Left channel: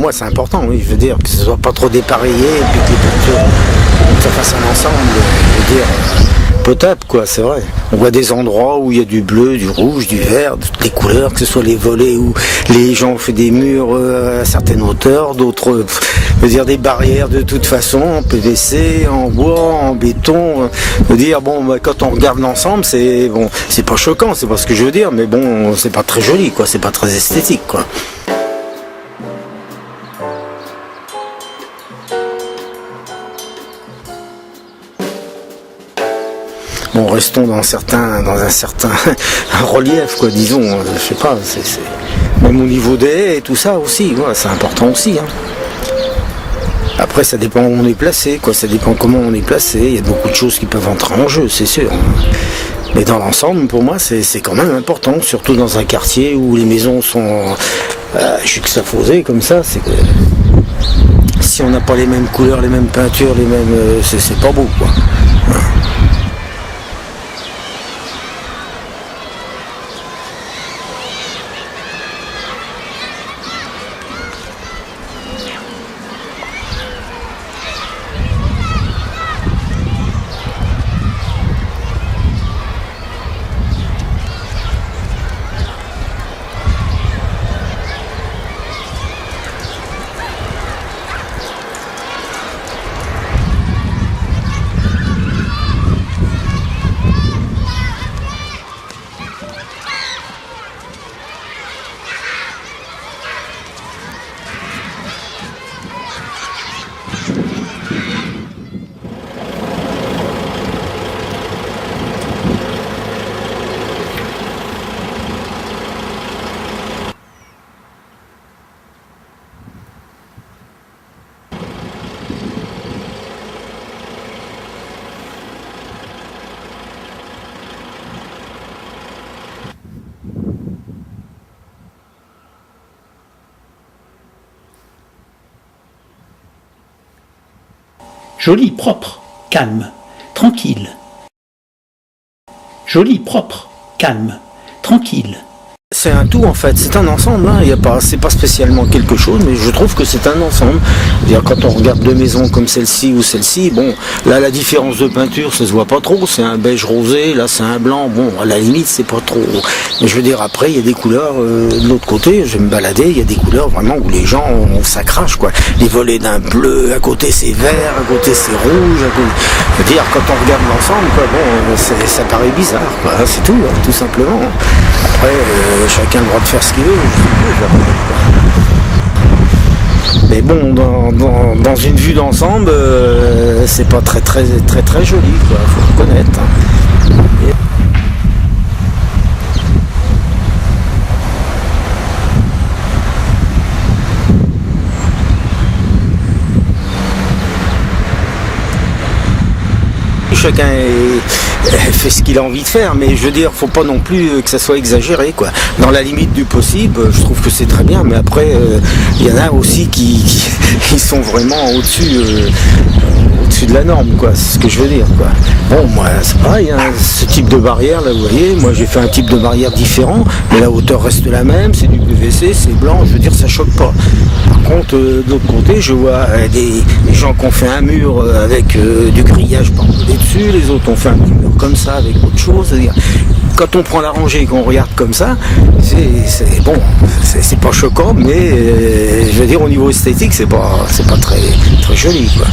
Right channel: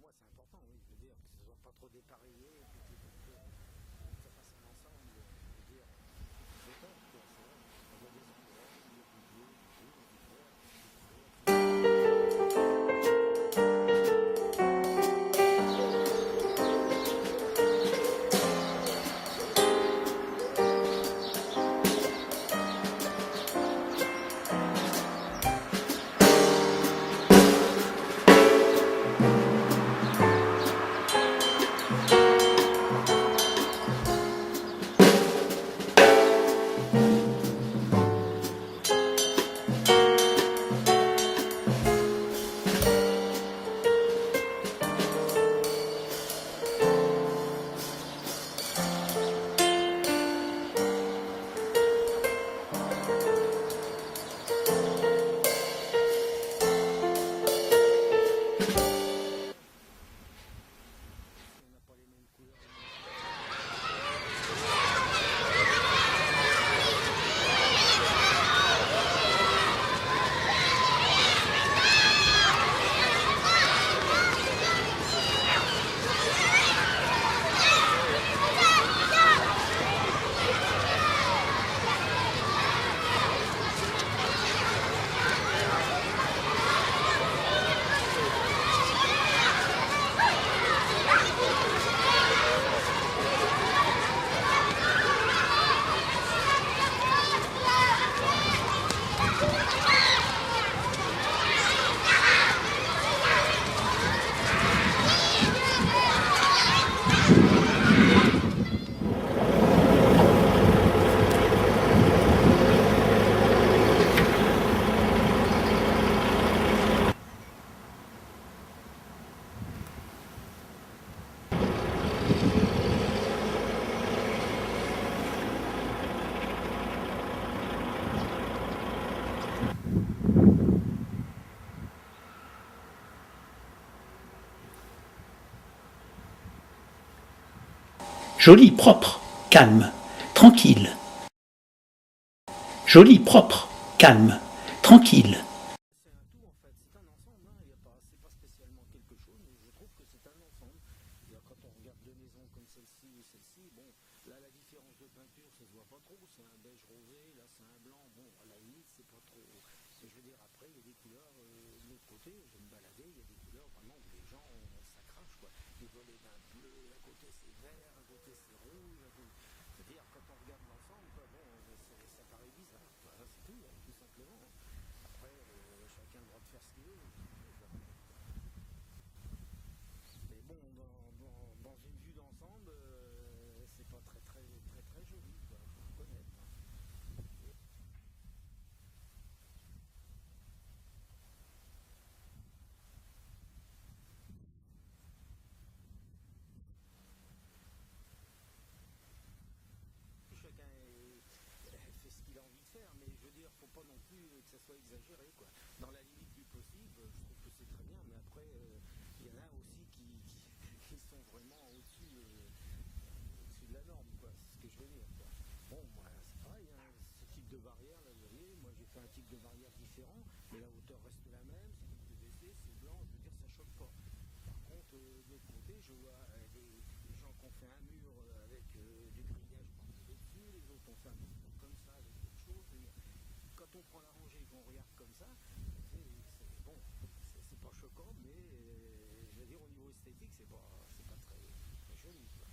moi c'est important, oui, je veux dire, que ce soit pas trop dépareillé, et puis que les peintures, que ça fasse un ensemble, je veux dire, potable, quoi, c'est vrai. On voit des endroits où il y a du bleu, du rouge, du vert, de toutes les couleurs, que ce soit les volets où les gens ont fait des murs à certaines hauteurs, d'autres, je veux dire, des barrières de toute façon, en PVC, en bois, en béton. Je veux dire, bon, quand on regarde l'ensemble, c'est bon, c'est pas choquant, c'est pas ce que je veux dire, mais bon, c'est pas très joli, quoi, c'est pas très esthétique, quoi. Bon, restons dans un certain relief, quoi, disons, je sais pas, c'est même au niveau des haies et tout ça aussi, ouais, c'est important aussi. Hein. Après, ça dépend où on est placé, quoi, ça dépend comment on est placé, il y a beaucoup de choses qui peuvent entrer en jeu, c'est sûr. Mais dans l'ensemble, pour moi, c'est quand même important, surtout dans un quartier où les maisons sont juxtaposées comme ça, c'est que si on n'a pas les mêmes couleurs, les mêmes peintures, les mêmes, c'est pas beau, quoi. Joli, propre, calme, tranquille. Joli, propre, calme, tranquille. C'est un tout en fait, c'est un ensemble, hein. C'est pas spécialement quelque chose, mais je trouve que c'est un ensemble. C'est-à-dire, quand on regarde deux maisons comme celle-ci ou celle-ci, bon, là la différence de peinture, ça se voit pas trop, c'est un beige rosé, là c'est un blanc, bon, à la limite c'est pas trop. Mais je veux dire, après il y a des couleurs, de l'autre côté, je vais me balader, il y a des couleurs vraiment où les gens, ça crache quoi. Les volets d'un bleu, à côté c'est vert, à côté c'est rouge, à côté... Je veux dire, quand on regarde l'ensemble, quoi, bon, ça paraît bizarre, quoi, c'est tout, hein, tout simplement. Après, chacun a le droit de faire ce qu'il veut. Mais bon, dans une vue d'ensemble, c'est pas très joli, quoi, faut reconnaître. Chacun fait ce qu'il a envie de faire, mais je veux dire, faut pas non plus que ça soit exagéré, quoi. Dans la limite du possible, je trouve que c'est très bien, mais après, il y en a aussi qui sont vraiment au-dessus de la norme, quoi. C'est ce que je veux dire, quoi. Bon, moi, c'est pareil, hein, ce type de barrière, là, vous voyez, moi j'ai fait un type de barrière différent, mais la hauteur reste la même, c'est du PVC, c'est blanc, je veux dire, ça choque pas. Par contre, de l'autre côté, je vois des gens qui ont fait un mur avec du grillage par-dessus dessus, les autres ont fait un petit mur comme ça avec autre chose. C'est-à-dire, quand on prend la rangée et qu'on regarde comme ça, c'est bon, c'est pas choquant, mais je veux dire, au niveau esthétique, c'est pas très joli, quoi.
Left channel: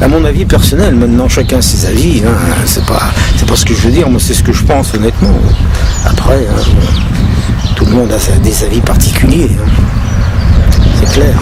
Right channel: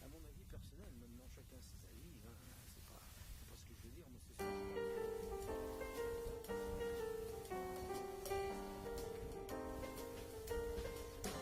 À mon avis personnel, maintenant chacun ses avis, hein, c'est pas ce que je veux dire, moi c'est ce que je pense honnêtement. Après, hein, tout le monde a des avis particuliers, hein. C'est clair.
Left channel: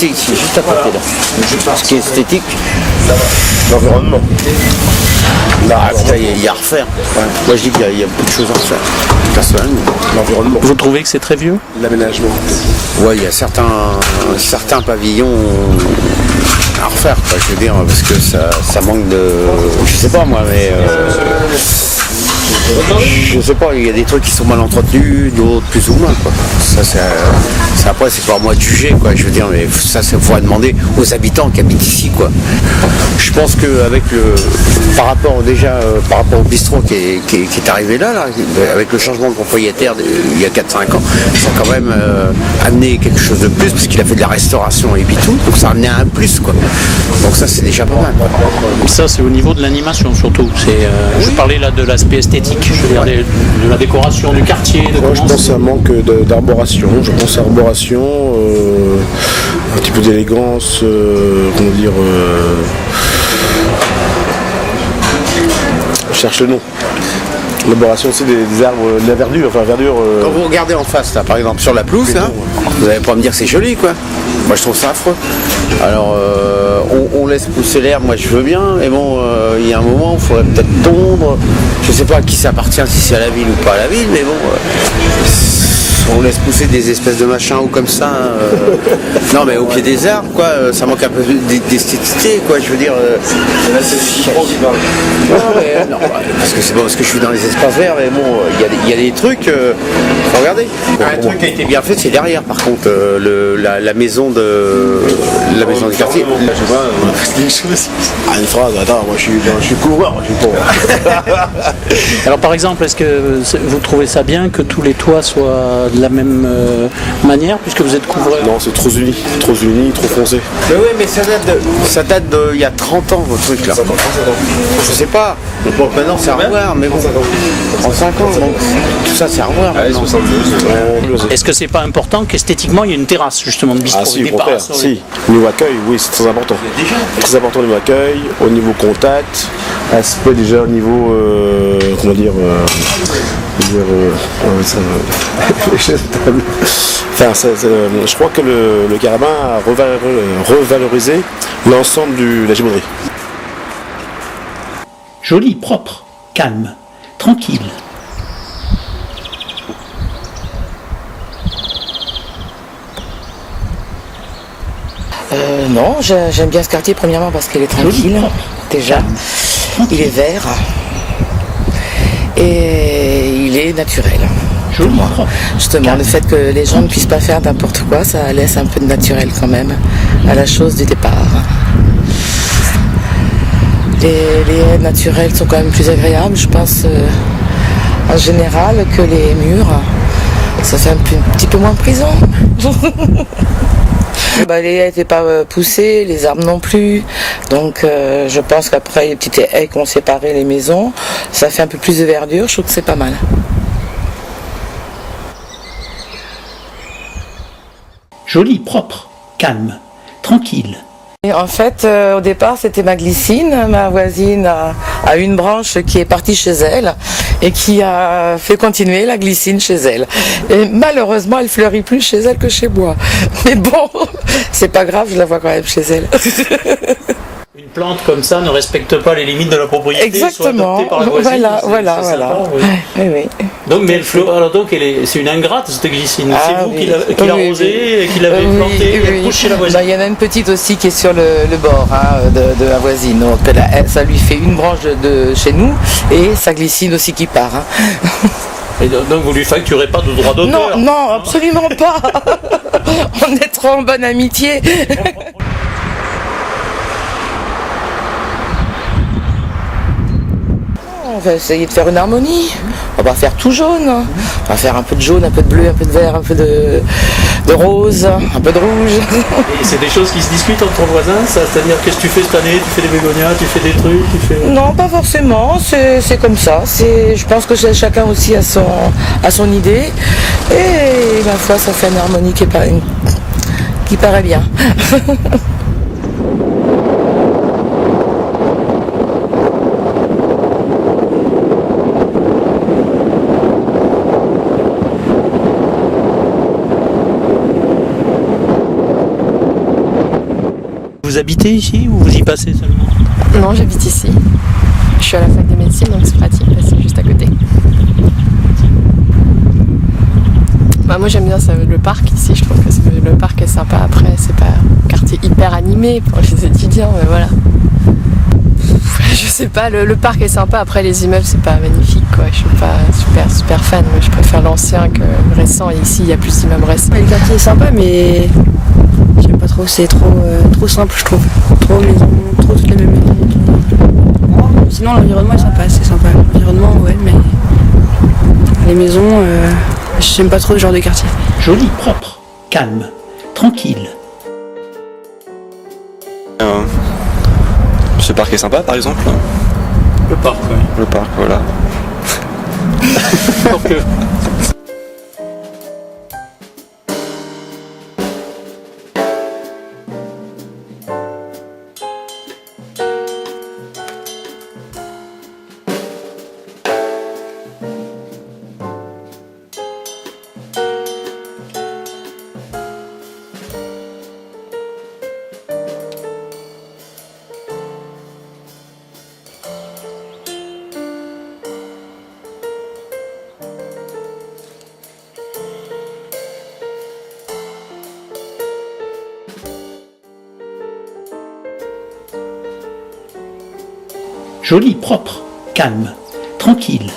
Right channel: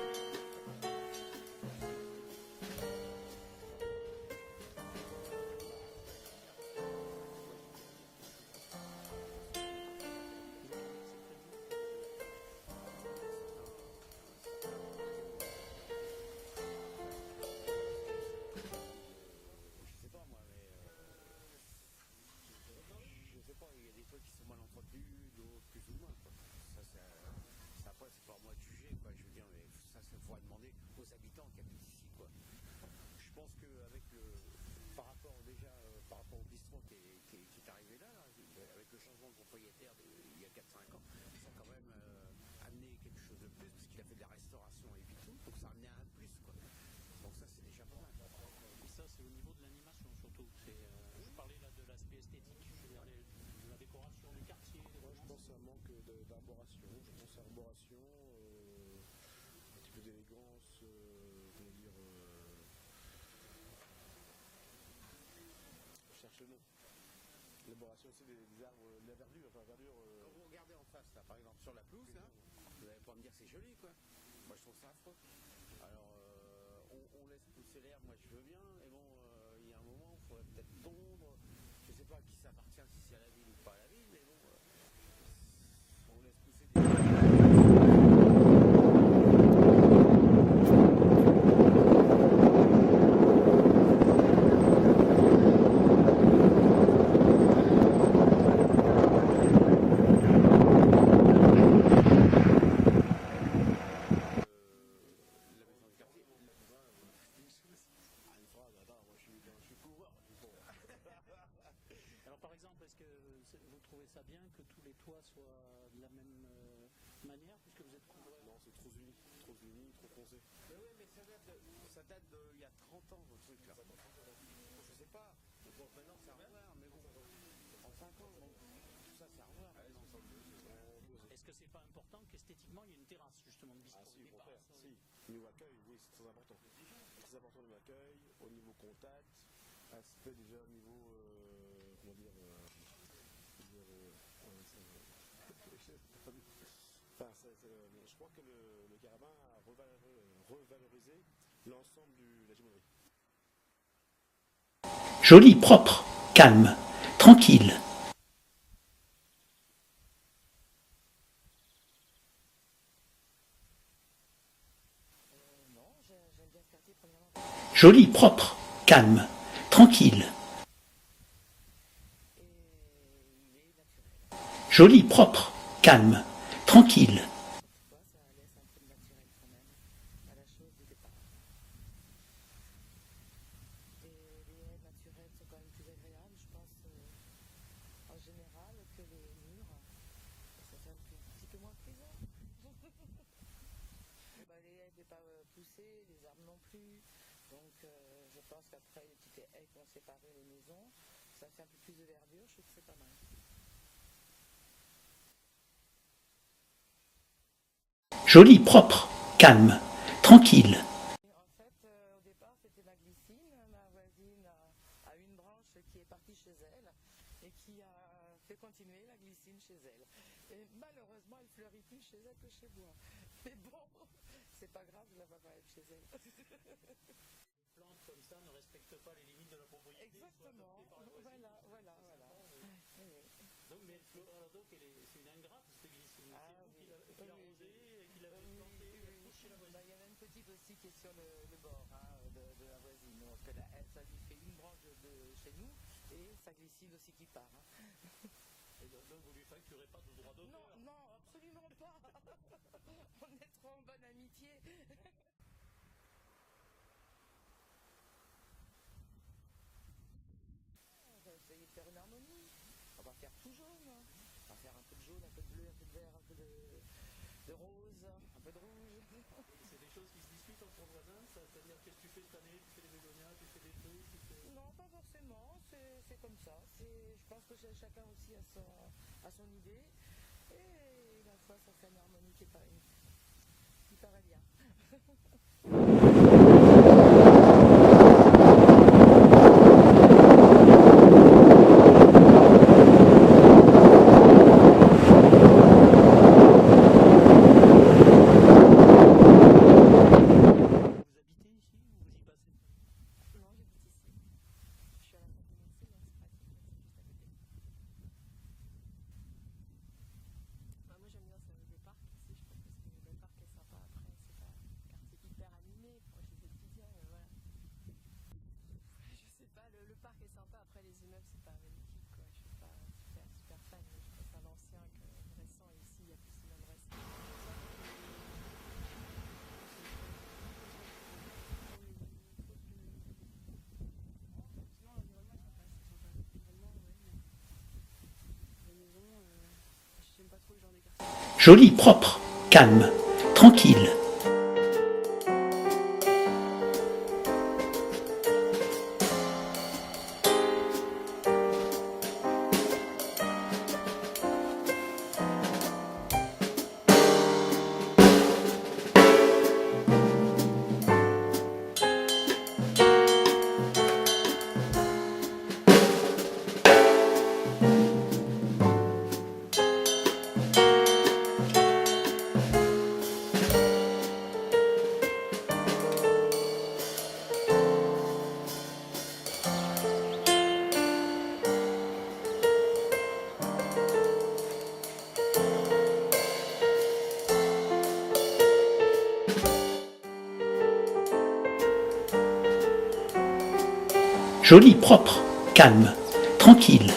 Ici, juste à côté là. Ce qui est esthétique, l'environnement. Là, il y a à refaire. Ouais. Moi je dis qu'il y a beaucoup de choses à refaire. Personnellement. L'environnement. Vous trouvez que c'est très vieux? L'aménagement. Ouais, il y a certains pavillons à refaire, quoi, je veux dire, parce que ça manque de. Je sais pas moi, mais Je sais pas, il y a des trucs qui sont mal entretenus, d'autres plus ou moins, quoi. Ça, après, c'est pas à moi de juger, quoi. Je veux dire, mais ça, il faudra demander aux habitants qui habitent ici, quoi. Je pense qu'avec par rapport au bistrot qui est arrivé là, avec le changement de propriétaire il y a 4-5 ans, ça a quand même amené quelque chose de plus, parce qu'il a fait de la restauration et tout, donc ça a amené un plus, quoi. Donc ça, c'est déjà pas mal, quoi. Ça, c'est au niveau de l'animation surtout. Je parlais là de l'aspect esthétique, je veux dire de la décoration du quartier. Moi, je pense à un manque d'arboration. Je pense à arboration, un petit peu d'élégance, comment dire. Je cherche le nom. L'arboration, c'est des arbres, de la verdure, enfin verdure. Quand vous regardez en face, là, par exemple, sur la pelouse, là, vous n'allez pas me dire que c'est joli, quoi. Moi, je trouve ça affreux. Alors, on laisse pousser l'herbe, moi, je veux bien, mais bon, il y a un moment, il faudrait peut-être tondre. Je sais pas à qui ça appartient, si c'est à la ville ou pas à la ville, mais bon, on laisse pousser des espèces de machins ou comme ça. Non, mais au pied des arbres, quoi, ça manque un peu d'esthéticité, quoi, je veux dire. Là, c'est trop qui parle. Non, parce que c'est pas parce que je suis dans les espaces verts, mais bon, il y a des trucs. Faut regarder. Un truc qui a été bien fait, c'est derrière, par contre, la maison du quartier. Une phrase, attends, moi je suis couvreur, moi je suis pas. Alors par exemple, est-ce que vous trouvez ça bien que tous les toits soient de la même manière, puisque vous êtes couvreur? Non, c'est trop uni, trop foncé. Mais oui, mais ça date il y a 30 ans, votre truc là. Je sais pas. Bon, maintenant c'est à revoir, mais bon. 35 ans, donc tout ça c'est à revoir. Est-ce que c'est pas important qu'esthétiquement il y ait une terrasse justement de bistrot? Ah si, au contraire, si. Au niveau accueil, oui, c'est très important. Très important au niveau accueil, au niveau contact, aspect déjà au niveau, comment dire, enfin, je crois que le Carabin a revalorisé l'ensemble de la géométrie. Joli, propre, calme, tranquille. Non, j'aime bien ce quartier premièrement parce qu'il est Joli, tranquille. propre, Déjà. calme, Il est tranquille. vert et il est naturel. Joli, Voilà. propre, Justement, calme, le fait que les gens ne tranquille. puissent pas faire n'importe quoi, ça laisse un peu de naturel quand même à la chose du départ. Les haies naturelles sont quand même plus agréables, je pense, en général, que les murs. Ça fait un petit peu moins prison. Les haies n'étaient pas poussées, les arbres non plus. Donc je pense qu'après les petites haies qui ont séparé les maisons, ça fait un peu plus de verdure, je trouve que c'est pas mal. Joli, propre, calme, tranquille. Et en fait, au départ, c'était ma glycine. Ma voisine a une branche qui est partie chez elle et qui a fait continuer la glycine chez elle. Et malheureusement, elle fleurit plus chez elle que chez moi. Mais bon, c'est pas grave, je la vois quand même chez elle. Une plante comme ça ne respecte pas les limites de la propriété. Exactement. Soit adoptée par la voisine, Voilà. sympa, oui. Oui. Donc, mais alors donc, c'est une ingrate cette glycine. Ah, c'est vous oui. qui l'arrosez, et qui l'avez plantée, et elle pousse chez la voisine. Il y en a une petite aussi qui est sur le bord de la voisine. Donc ça lui fait une branche de chez nous et sa glycine aussi qui part. Et donc vous lui facturez pas de droit d'auteur? Non, absolument pas. On est trop en bonne amitié. On va essayer de faire une harmonie. On va faire tout jaune. On va faire un peu de jaune, un peu de bleu, un peu de vert, un peu de rose, un peu de rouge. Et c'est des choses qui se discutent entre voisins, ça? C'est-à-dire, qu'est-ce que tu fais cette année? Tu fais des bégonias, tu fais des trucs, tu fais... Non, pas forcément. C'est comme ça. Je pense que chacun aussi a son idée. Et ma foi, ça fait une harmonie qui paraît bien. Vous habitez ici ou vous y passez seulement? Non, j'habite ici. Je suis à la fac de médecine, donc c'est pratique, c'est juste à côté. Moi j'aime bien le parc ici, je trouve que le parc est sympa. Après, c'est pas un quartier hyper animé pour les étudiants, mais voilà. Je sais pas, le parc est sympa, après les immeubles c'est pas magnifique quoi, je suis pas super fan, moi je préfère l'ancien que le récent et ici il y a plus d'immeubles récents. Le quartier est sympa mais j'aime pas trop, c'est trop simple je trouve, trop maison, trop toutes les mêmes maisons. Sinon l'environnement est sympa, c'est sympa, l'environnement ouais mais les maisons, j'aime pas trop ce genre de quartier. Joli, propre, calme, tranquille. Ce parc est sympa par exemple. Le parc, oui. Le parc, voilà. Joli, propre, calme, tranquille.